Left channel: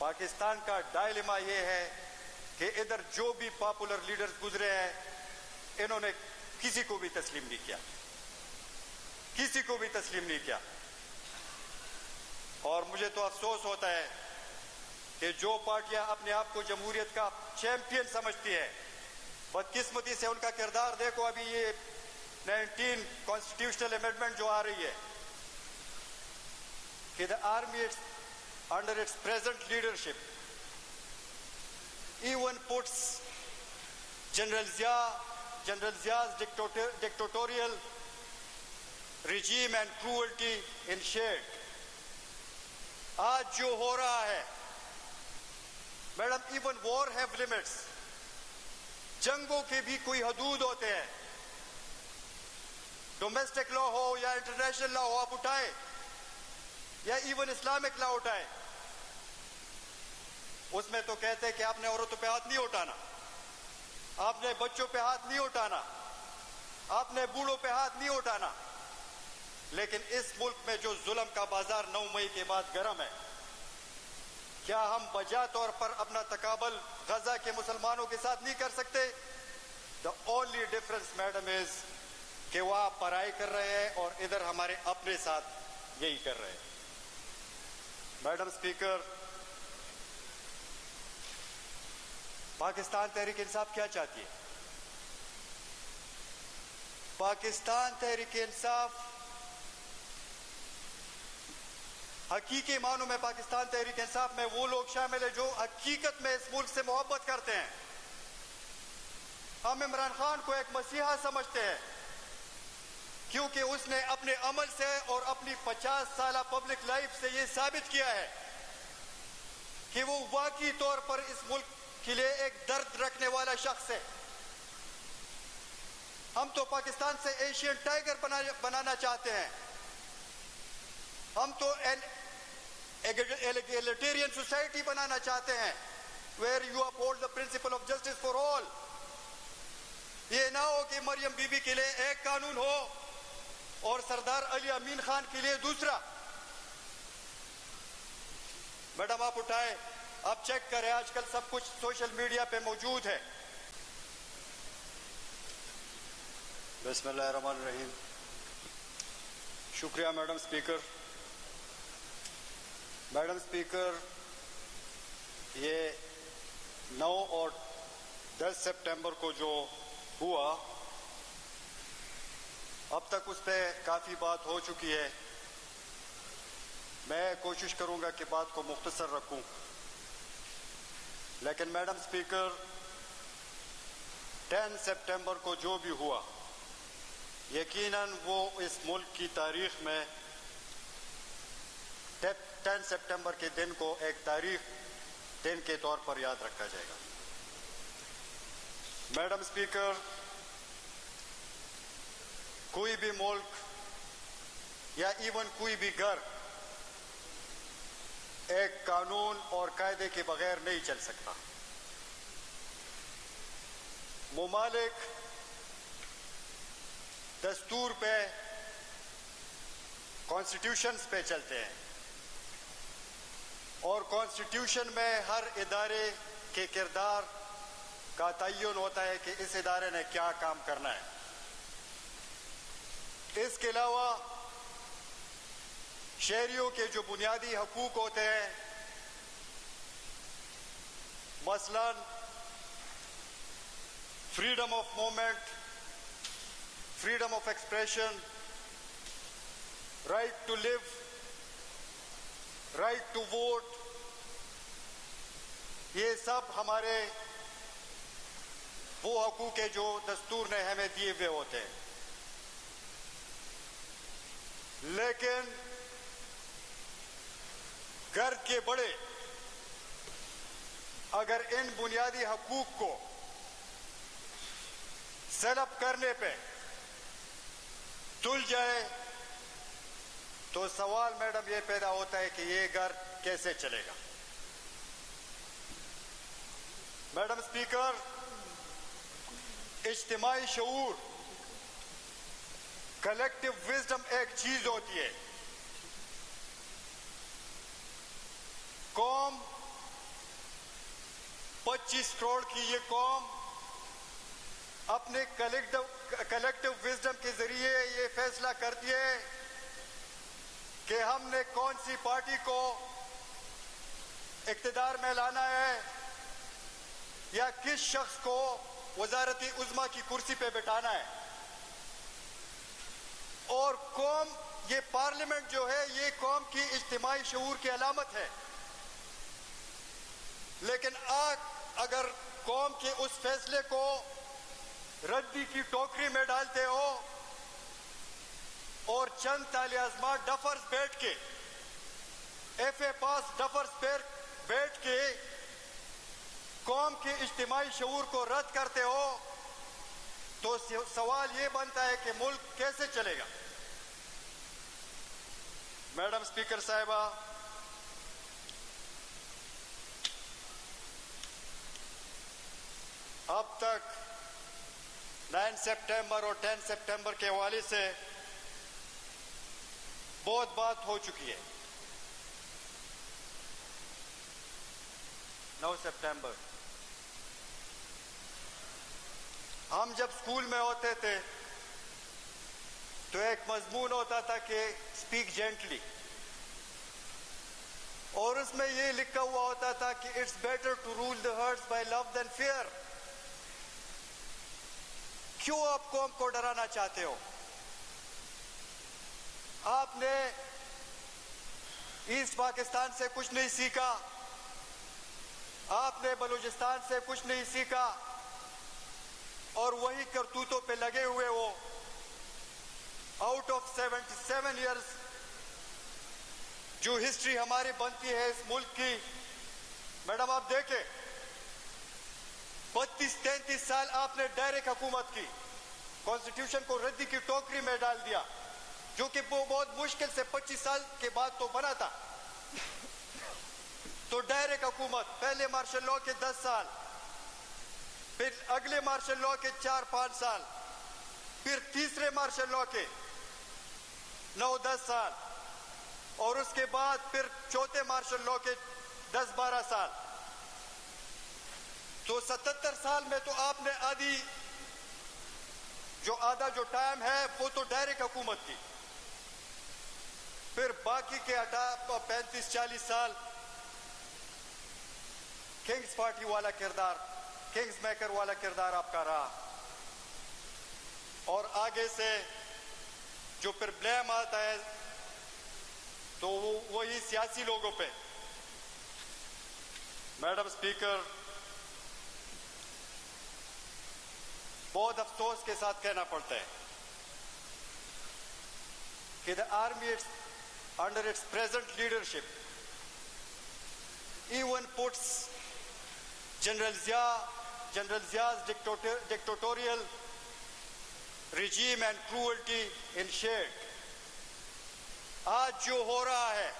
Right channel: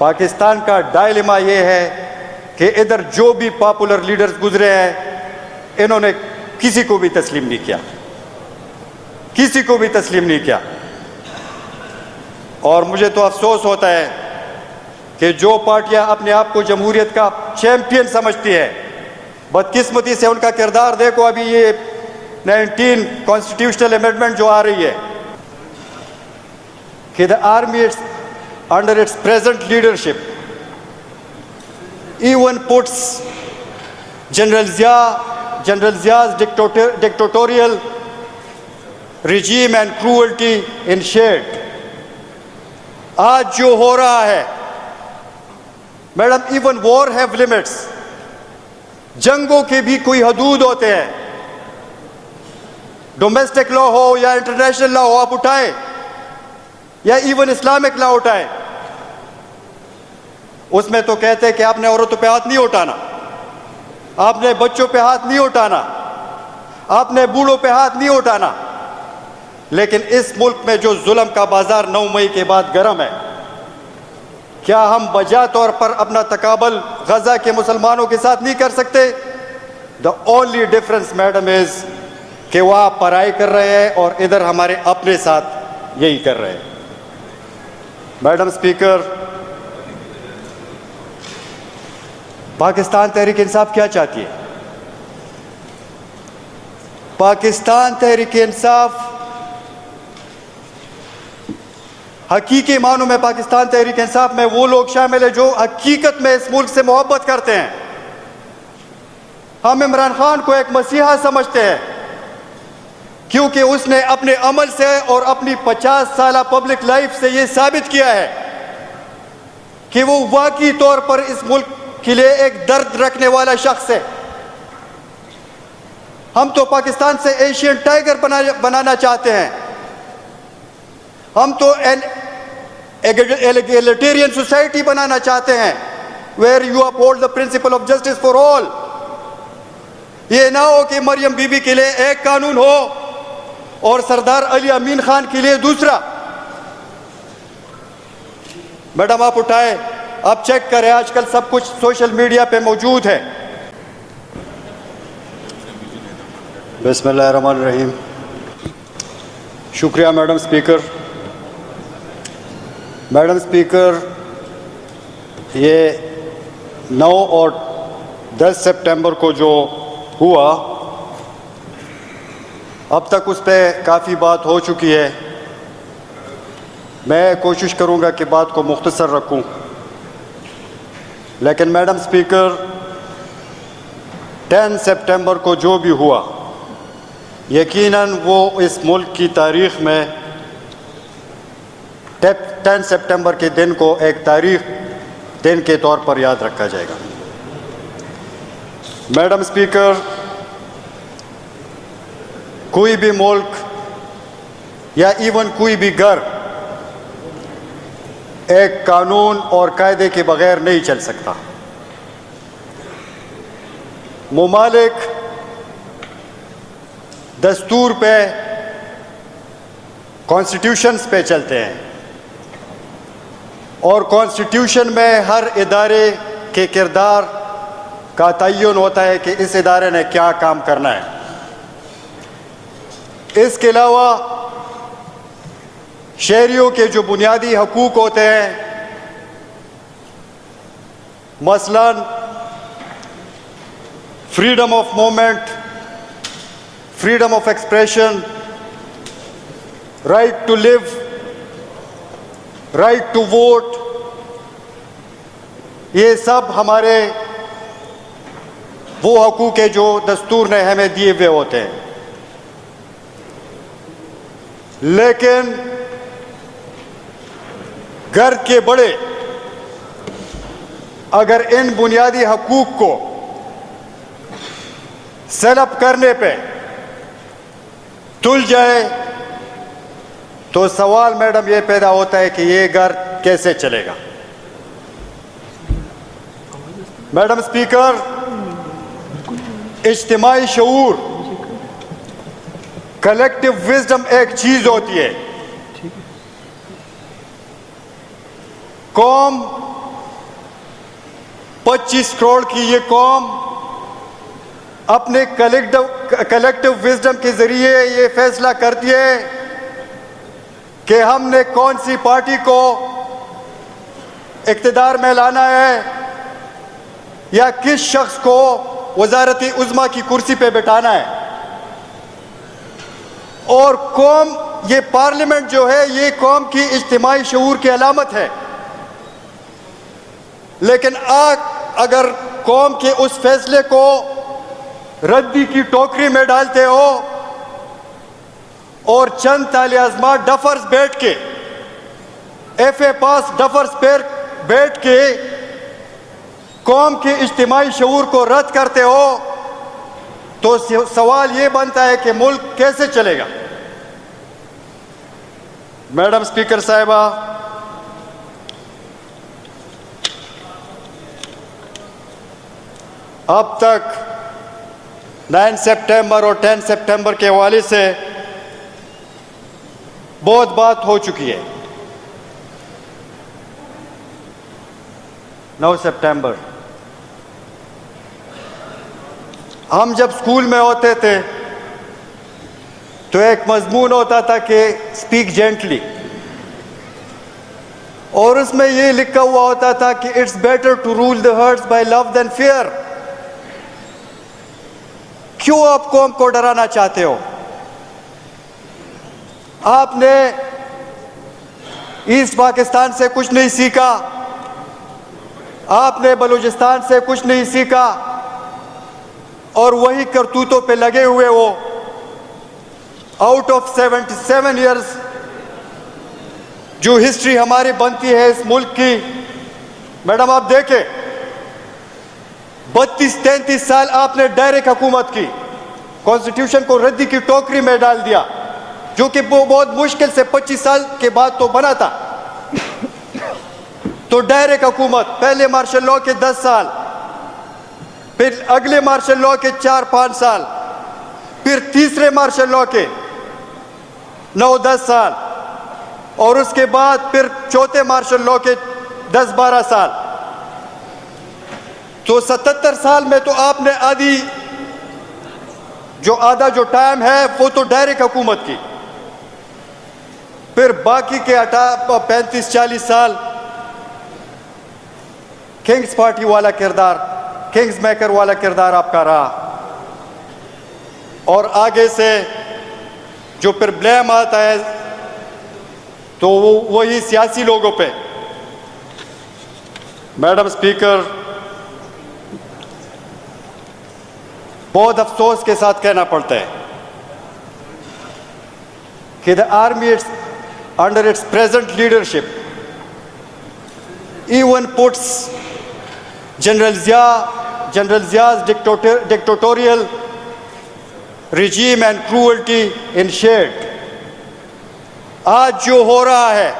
पाकिस्तान का डायलेमा ये है कि इधर जो भी पॉपुलर लीडर्स गुजरे हैं, इन्होंने किसी को भी तस्लीम नहीं किया, किसी को भी तस्लीम नहीं किया। और मुझे तो अफसोस होता है कि जो पार्टियां अपने आप को जमहूरियत का चैंपियन समझती है, बदकिस्मती से उनका किरदार देखो। अभी ये 19 कॉन्स्टिट्यूशनल अमेंडमेंट जो आ रही है कि the army under its present leadership even puts General Zia's dictatorial regime and cruelty in shade। आज जो हो रहा है madam, even war have limits। जंगों के भी कोई हदूद होते हैं। डोमेस्टिक लॉ हो या इंटरनेशनल लॉ हो, आप उठाएं, या इवन इस्लामिक लॉ उठाएं, उसमें तो कहते हैं कि आपने औरतों पे हाथ नहीं उठाना, आपने बच्चों पे हाथ नहीं उठाना, आपने बूढ़ों पे हाथ नहीं उठाना। लेकिन इस मुल्क में जो जुल्म का बाजार 9 मई के बाद गर्म है, क्या हम बजा तौर पर अपना तकाबल गजा के मुसलमानों के साथ नहीं कर सकते? The only difference madam is कि वह पढ़ाई कर रहे हैं और इधर हमारे अपने साथ यही कर रहे हैं। मैडम स्पीकर, पाकिस्तान तहरीक इंसाफ क्या चाहती है? पाकिस्तान तहरीक इंसाफ हकीकी मानों में, पाकिस्तान तहरीक इंसाफ में वो लोग शामिल है जो हकीकत में इस मुल्क से मोहब्बत करते हैं। हम इमरान खान को एक मसीहा समझते हैं क्योंकि उसने अपने अमल से और अपनी 50 साल पब्लिक लाइफ से ये साबित किया है कि वो वाकई तौर पर इस मुल्क के लिए एक दर्द रखने वाला शख्स है। हम तो पाकिस्तान से एशियन टाइगर बनाना चाहते हैं। हम तो एन एगलिटेरियन सोसाइटी बनाना चाहते हैं where you uphold the principle of justice for all. ये ना हो कि मरियम बीबी के लिए एक कानून हो और सरदार अली अमीन खान के लिए दूसरा। मैडम आप उठाए, आप चेक करें, आजकल सब कुछ सोशल मीडिया पे मौजूद है। बिस्मिल्लाहिर्रहमानिर्रहीम। शुक्रिया मैडम स्पीकर। मैडम स्पीकर, ये 9 और 10 सितंबर को जो हुआ, अब तक उस पर काफ़ी बात हो चुकी है। मैं कोशिश करूंगा कि बात को मुख्तसर रखूं, लेकिन मैडम स्पीकर, 10 सितंबर को जो भी हुआ, यकीनन वो इस मुल्क की तारीख़ में 10 सितंबर के दिन को एक तारीख़ दिन के तौर पर याद रखा जाएगा। मैडम स्पीकर, कोई भी मुल्क या इवन कोई भी घर एक कानून और कायदे के बगैर नहीं चल सकता। मुमालिक दस्तूर पे, कॉन्स्टिट्यूशंस पे चलते हैं और कॉन्स्टिट्यूशन में हर इदारे के किरदार का तयन होता है कि इस इदारे ने क्या काम करना है। इसके अलावा शहरियों के जो बुनियादी हकूक़ होते हैं, मसलन freedom of movement, freedom of expression, right to live, right to vote, ये सब हमारे वो हकूक़ है जो दस्तूर ने हमें दिए हुए होते हैं। लेकिन घर के बड़े अगर इन बुनियादी हकूक़ को सेटअप करने पे तुल जाए तो सवाल मैडम ये पैदा होता है कि ये घर कैसे चलेगा। मैडम स्पीकर, इज्तिमाई शऊर, कलेक्टिव विजडम एक चीज होती है। कौम 25 करोड़ की ये कौम अपने कलेक्टिव विजडम के जरिए ये फैसला करती है कि हमने कौन सी पार्टी को इक़्तिदार में लाना है या किस शख्स को वज़ारत उज़्मा की कुर्सी पे बिठाना है। और कौम, ये पार्लियामेंट जो है ये कौम की इज्तिमाई शऊर की अलामत है। लेकिन अगर कौम के उस फैसले को रद्दी की टोकरी में डालते हो और चंद ताले आज़मा डफर्स बैठ के FA पास डफर्स पर बैठ के कौम के इज्तिमाई शऊर को रद्द करते हो तो सवाल ये बनता है कि मुल्क कैसे चलेगा। मैडम स्पीकर साहिबा, अब तक 9 सितंबर और 10 सितंबर के हवाले से बहुत बात हो चुकी है। 9 सितंबर हम जब स्कूल में होते थे तो एक मजमून होता था कि स्पीक जेंटली, और उसमें ये लिखा हुआ होता था कि it's better to rule the hearts by love than fear. क्यों आप कौम को डराना चाहते हो? आपने ईस्ट पाकिस्तान से कुछ नहीं सीखा, आपने बलूचिस्तान से कुछ नहीं सीखा, और वही करतूतों पे लगे हुए हो। आउट ऑफ 77 इयर्स जो हिस्ट्री हमारी बनती है इस मुल्क की, मैडम आप देखें 32-33 साल आपने डायरेक्ट हुकूमत की, कॉन्स्टिट्यूशन को रद्दी की टोकरी में डाल दिया, जो कि वो बहुत मुश्किल से 25 साल के बाद तो बना था। तो डायरेक्ट हुकूमत, पहले मार्शल लॉ के 10 साल, फिर अगले मार्शल लॉ के 4-5 साल, फिर तीसरे मार्शल लॉ के 9-10 साल, और उसके बाद फिर चौथे मार्शल लॉ के 10-12 साल। तो 77 साल में तो आपने आधा जो टाइम है वो तो डायरेक्ट हुकूमत की, फिर बाकी के 35-40 साल किंग्स पार्टी वाला किरदार, किंग्स मेकर वाला किरदार आपका रहा। और आगे से जो फिर ब्लेम आता है तो वही सियासी लोगों पे। मैडम स्पीकर, बहुत अफसोस के साथ कहना पड़ता है कि the army under its present leadership even puts General Zia's dictatorial regime and cruelty in shade। आज जो हो रहा है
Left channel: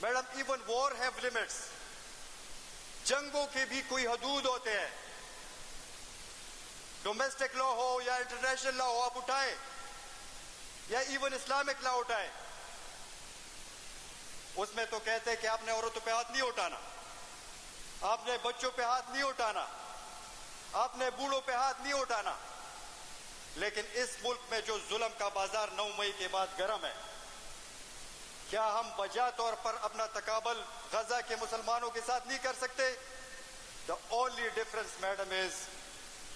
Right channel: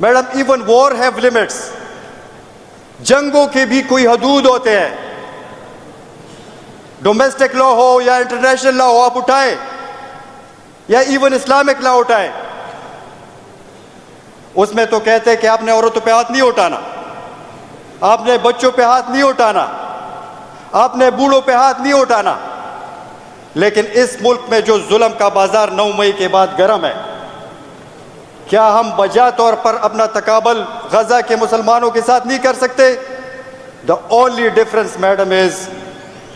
madam, even war have limits, जंगों के भी कोई हदूद होते हैं। डोमेस्टिक लॉ हो या इंटरनेशनल लॉ हो, आप उठाए या इवन इस्लामिक लॉ उठाए, उसमें तो कहते हैं कि आपने औरतों पे हाथ नहीं उठाना, आपने बच्चों पे हाथ नहीं उठाना, आपने बूढ़ों पे हाथ नहीं उठाना। लेकिन इस मुल्क में जो जुल्म का बाजार 9 मई के बाद गर्म है, क्या हम बजा तौर पर अपना तकाबल गजा के मुसलमानों के साथ नहीं कर सकते? The only difference madam is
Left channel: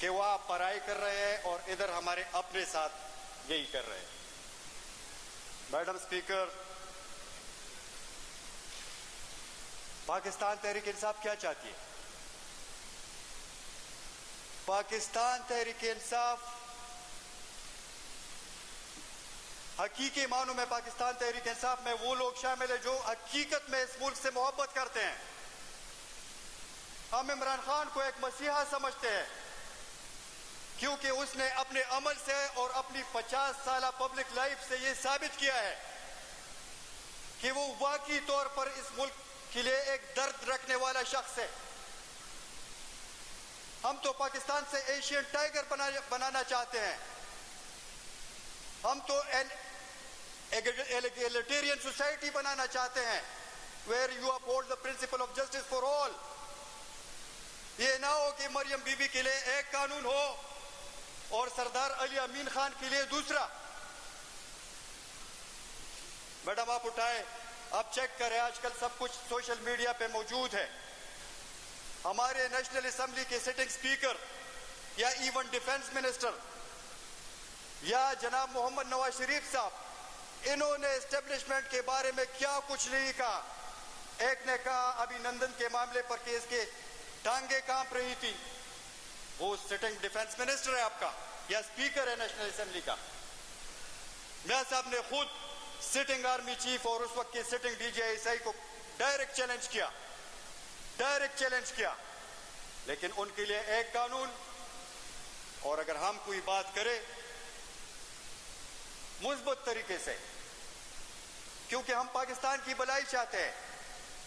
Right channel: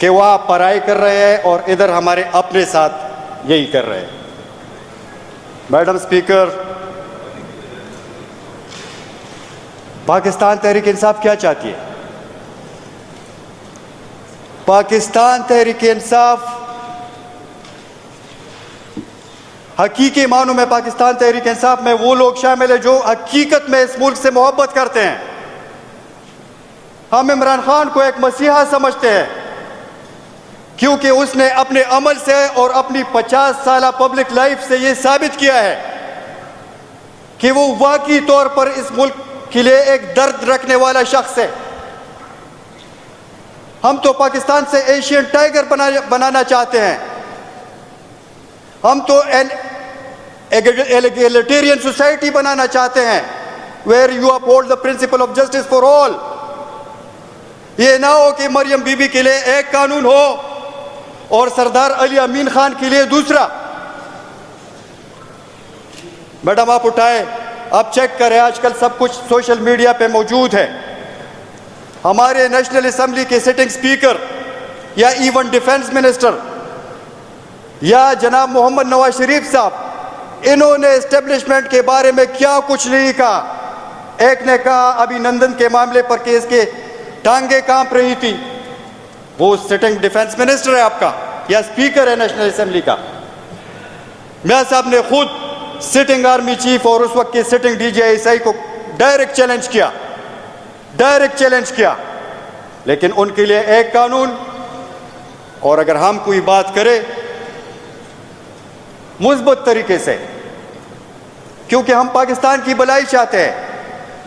कि वहाँ पढ़ाई कर रहे हैं और इधर हमारे अपने साथ यही कर रहे हैं। मैडम स्पीकर, पाकिस्तान तहरीक इंसाफ क्या चाहती है? पाकिस्तान तहरीक इंसाफ हकीकी मानों में पाकिस्तान तहरीक इंसाफ में वो लोग शामिल है जो हकीकत में इस मुल्क से मोहब्बत करते हैं। हम इमरान खान को एक मसीहा समझते हैं क्योंकि उसने अपने अमल से और अपनी 50 साल पब्लिक लाइफ से ये साबित किया है कि वो वाकई तौर पर इस मुल्क के लिए एक दर्द रखने वाला शख्स है। हम तो पाकिस्तान से एशियन टाइगर बनाना चाहते हैं। हम तो एन एगलिटेरियन सोसाइटी बनाना चाहते हैं where you uphold the principle of justice for all. ये ना हो कि मरियम बीबी के लिए एक कानून हो और सरदार अली अमीन खान के लिए दूसरा। मैडम आप उठाए, आप चेक करें, आजकल सब कुछ सोशल मीडिया पे मौजूद है। हमारे नेशनल असेंबली के सिटिंग स्पीकर या इवन डिफेंस मिनिस्टर या जनाब मोहम्मद नवाज शरीफ साहब, इन्होंने एस्टेब्लिशमेंट के बारे में क्या कुछ नहीं कहा। एक ने कहा अभिनंदन के मामले पर केस के टांगे कांप रही थी। वो सिटिंग डिफेंस मिनिस्टर है आपका या स्पीकर है नेशनल असेंबली का। मियां साहब ने खुद सिटिंग आर्मी चीफ और उस वक्त के सिटिंग DGI को डायरेक्ट चैलेंज किया, लेकिन उनके लिए एक कानून। और अगर हम कोई बात करें मुस्बत तरीके से, क्योंकि हम पाकिस्तान की भलाई चाहते हैं,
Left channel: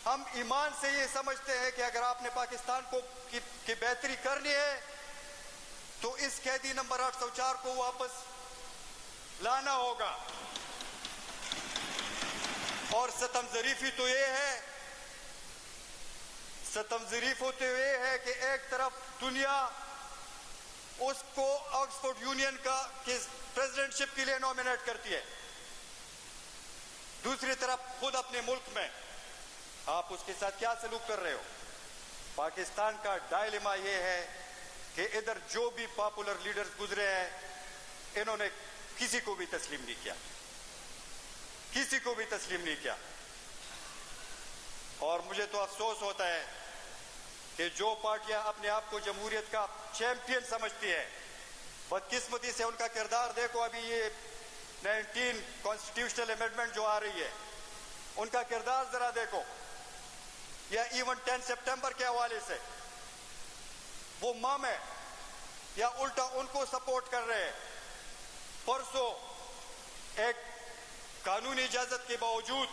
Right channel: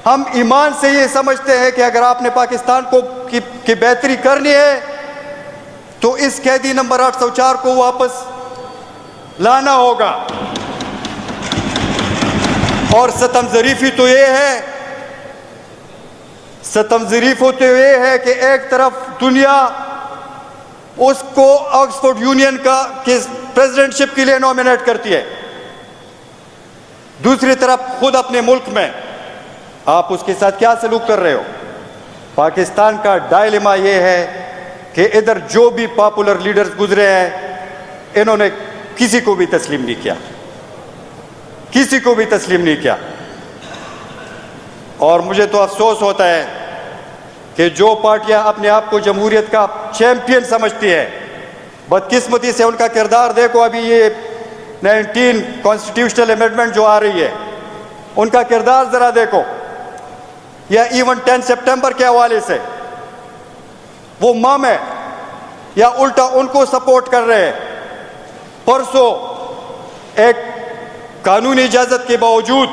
हम ईमान से ये समझते हैं कि अगर आपने पाकिस्तान की बेहतरी करनी है तो इस कैदी नंबर 804 को वापस लाना होगा। और सतम ज़रीफ़ी तो ये है कि एक तरफ दुनिया उसको ऑक्सफोर्ड यूनियन के प्रेसिडेंटशिप के लिए नॉमिनेट करती है, दूसरी तरफ खुद अपने मुल्क में आप उसके साथ क्या सलूक कर रहे हो। पाकिस्तान का डायलेमा ये है कि इधर जो भी पॉपुलर लीडर्स गुजरे हैं, इन्होंने किसी को भी तस्लीम नहीं किया। और मुझे तो अफसोस होता है कि जो पार्टियां अपने आप को जमहूरियत का चैंपियन समझती है, बदकिस्मती से उनका किरदार देखो। अभी ये 19 कॉन्स्टिट्यूशनल अमेंडमेंट जो आ रही है, उनका किरदार जरा देखो, या इवन 10 सितंबर के हवाले से वो मम है या उल्टा उनको सपोर्ट कर रहे हैं। परसों एक कानूनी इजाजत के बावजूद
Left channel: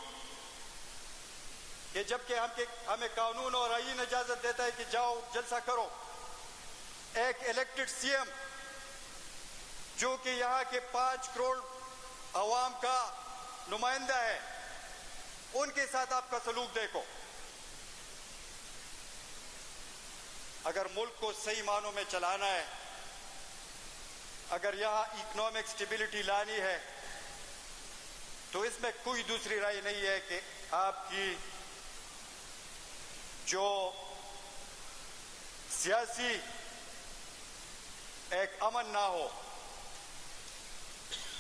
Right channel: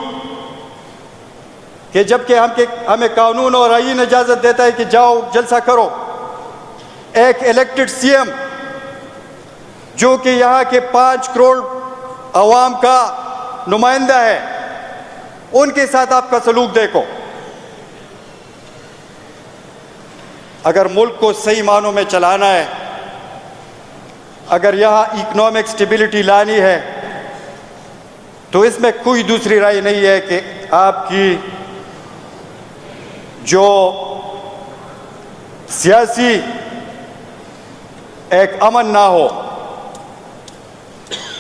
कि जबकि हमें कानून और आईन इजाजत देता है कि जाओ जलसा करो, एक इलेक्टेड CM जो कि यहाँ के 5 करोड़ अवाम का नुमाइंदा है, उनके साथ आपका सलूक देखो। अगर मुल्क को सही मानों में चलाना है, अगर यहाँ इकोनॉमिक स्टेबिलिटी लानी है, तो इसमें कोई दूसरी राय नहीं है कि आपकी जो सियासी एक अमन ना हो,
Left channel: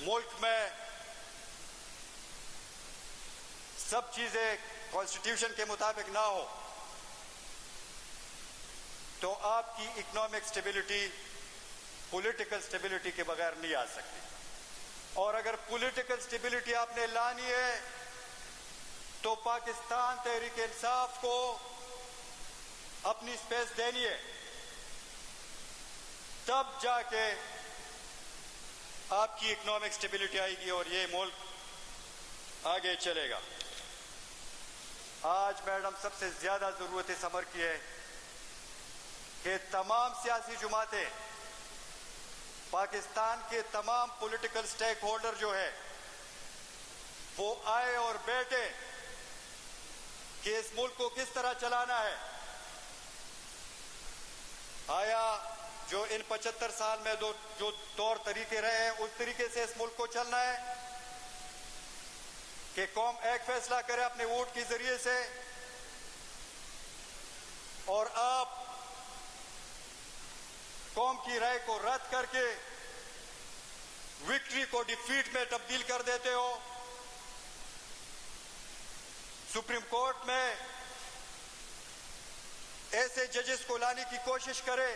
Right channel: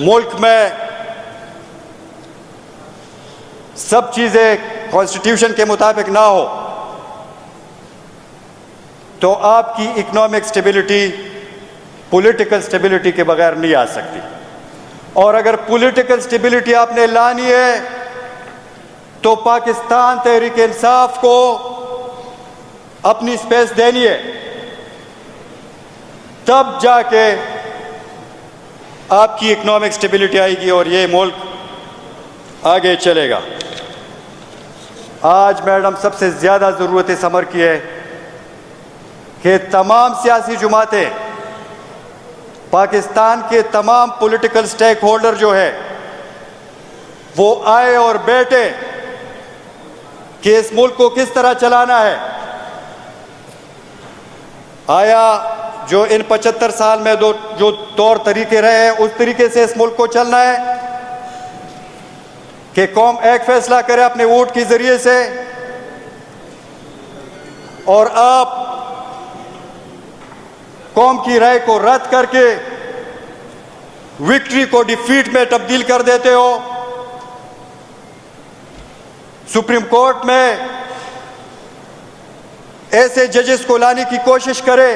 मुल्क में सब चीज़ें कॉन्स्टिट्यूशन के मुताबिक ना हो, तो आपकी इकोनॉमिक स्टेबिलिटी पॉलिटिकल स्टेबिलिटी के बगैर नहीं आ सकती। और अगर पॉलिटिकल स्टेबिलिटी आपने लानी है तो पाकिस्तान तहरीक इंसाफ को अपनी स्पेस देनी है, तब जाके आपकी इकोनॉमिक स्टेबिलिटी आएगी और ये मुल्क आगे चलेगा। आज मैडम सबसे ज़्यादा ज़रूरत इस अमर की है कि तमाम सियासी जमातें, पाकिस्तान के तमाम पॉलिटिकल स्टेक होल्डर जो है, वो आए और बैठे कि इस मुल्क को किस तरह चलाना है। आया जो इन 75 साल में जो तौर तरीके रहे हैं, उस तरीके से इस मुल्क को चलना है कि कौम एक फैसला करे अपने वोट के जरिए से, और आप कौम की राय को रद्द करके विक्ट्री को डिफीट में तब्दील कर देते हो। सुप्रीम कोर्ट में ऐसे जजेस को लाने की कोशिश करे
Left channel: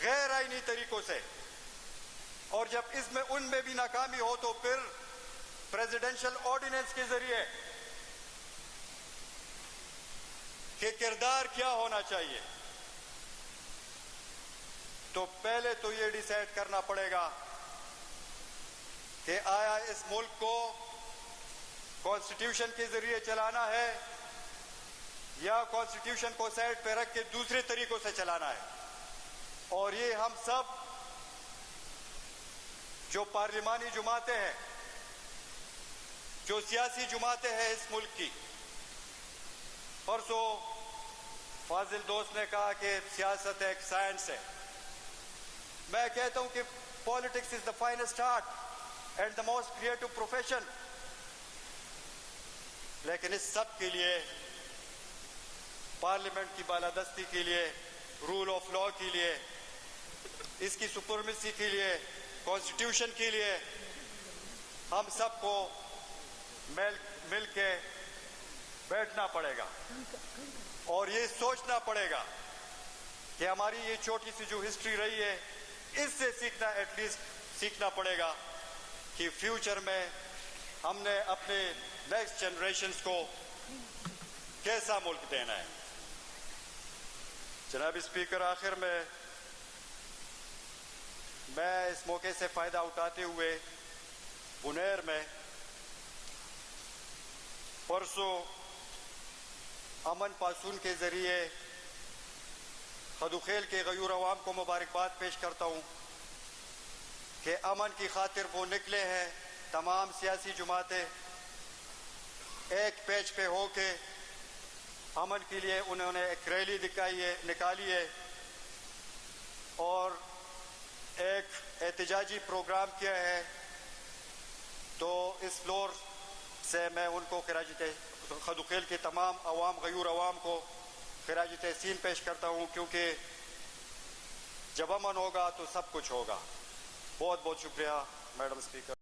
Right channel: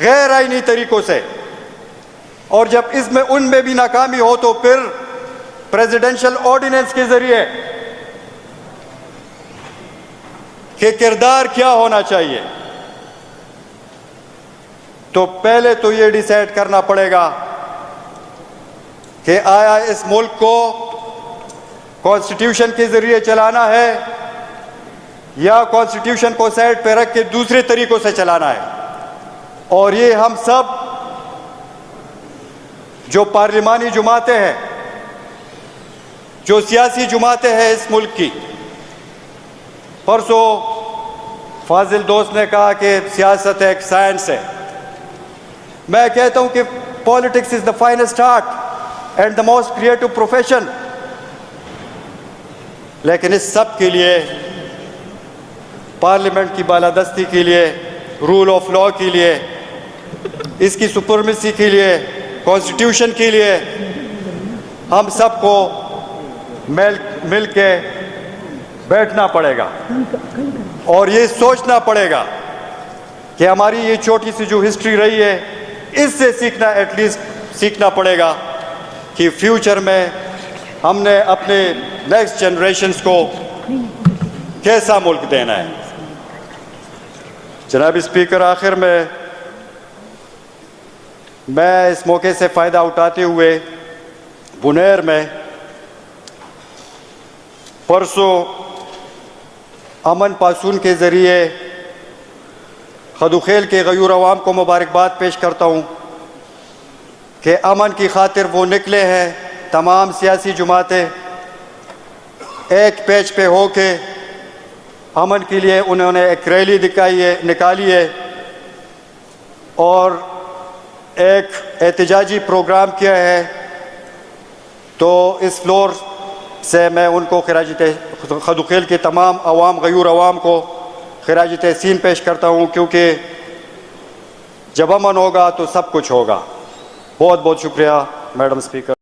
गैर आईनी तरीकों से, और जब इसमें उनमें भी नाकामी हो तो फिर प्रेसिडेंशियल ऑर्डिनेंस के जरिए कि किरदार क्या होना चाहिए। तो पहले तो ये डिसाइड करना पड़ेगा कि आया इस मुल्क को कॉन्स्टिट्यूशन के जरिए चलाना है या कॉन्स्टिट्यूशन को साइड पे रख के दूसरे तरीकों से चलाना है। और ये हम सब जो पार्लिमानी जमातें हैं, जो सियासी जमातें हैं इस मुल्क की, परसों फाजिल दोस्त ने कहा कि सियासत एक साइंस है। मैं कहता हूं कि politics is the finest art and the most creative profession. लेकिन इस सब के लिए, पार्लियामेंट की बालादस्ती के लिए, रूल ऑफ लॉ के लिए, इसकी सुपरमेसी के लिए, कॉन्स्टिट्यूशन के लिए, हम सबको मिल के बैठना पड़ेगा और ये सोचना पड़ेगा कि हमारी ये छोटी सी जो हिस्ट्री रही है, इससे सीखना, एटलीस्ट सीखना पड़ेगा कि फ्यूचर में हमने अपने नेक्स्ट जनरेशन्स को कैसा मुल्क देना है। जनाब स्पीकर, आखिर में मैं इस मौके से फ़ायदा उठाते हुए बुनेर में परसों अमन पासून के ज़रिए खदुखेल के गयूर अवाम को मुबारकबाद पेश करता हूँ कि अमन की खातिर वो निकले हैं। तमाम सियासी जमातें एक पेज पे हो के अमन के लिए उन्होंने एक रैली निकाली है और एक एहतजाजी प्रोग्राम किया है। तो इस फ्लोर से मैं उनको खदुखेल के तमाम अवाम, गयूर अवाम को खिराज तहसीन पेश करता हूँ, क्योंकि जब अमन होगा तो सब कुछ होगा। बहुत बहुत शुक्रिया मैडम स्पीकर।